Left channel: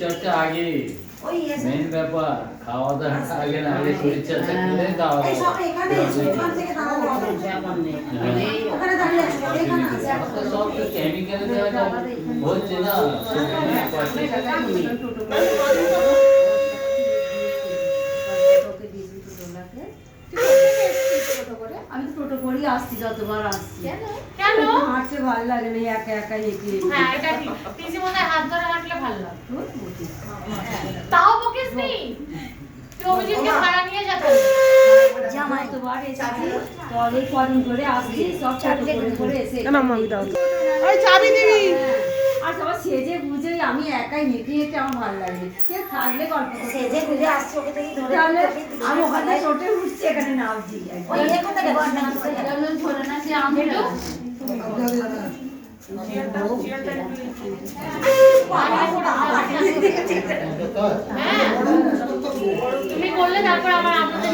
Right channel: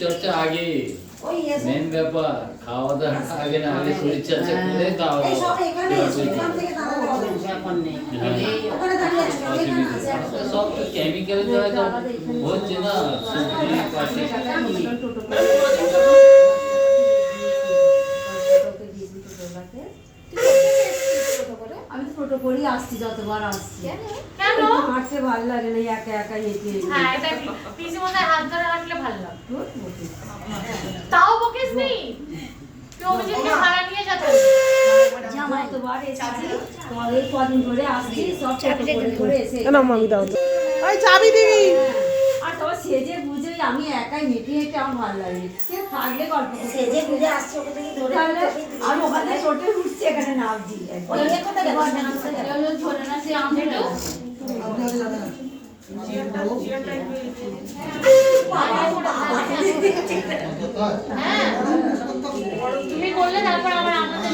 চর্চা আগে, মেন ব্যাপার খাওয়া দাওয়াটা আগে না, আগে শরীর চর্চা করে খাওয়া দাওয়া সব তো কেমিক্যাল দেওয়া হচ্ছে না আমি তো টোটো করি আসছি, যতবার আসছি কেন হাঁটতে ভালো লাগে না, একা একা হেঁটে। হ্যাঁ এটা ঠিক, পিসি মনে হাত ধরে হাঁটলে ভালো লাগতো। তাও বকিস নি, তুই ওদিকে ভাড়া নিয়ে যেতে যতবার এসেছি পরে কদিন করে আসছি, সব টোটো করে এসে ওই চাবি দিবি। আর তোমার সেজে বুঝে আমি একাই হেঁটে হেঁটে আমার ভালো লাগে, কেউ থাকলে গল্প সেজে বুঝে আসছে, ওকে থেকে ধরে আমি ওখানে টোটে উঠছি, এখানে নামছি ওই এখন থেকে ধরে না সে আমি তুমি করলে তারপর আমার আমাদের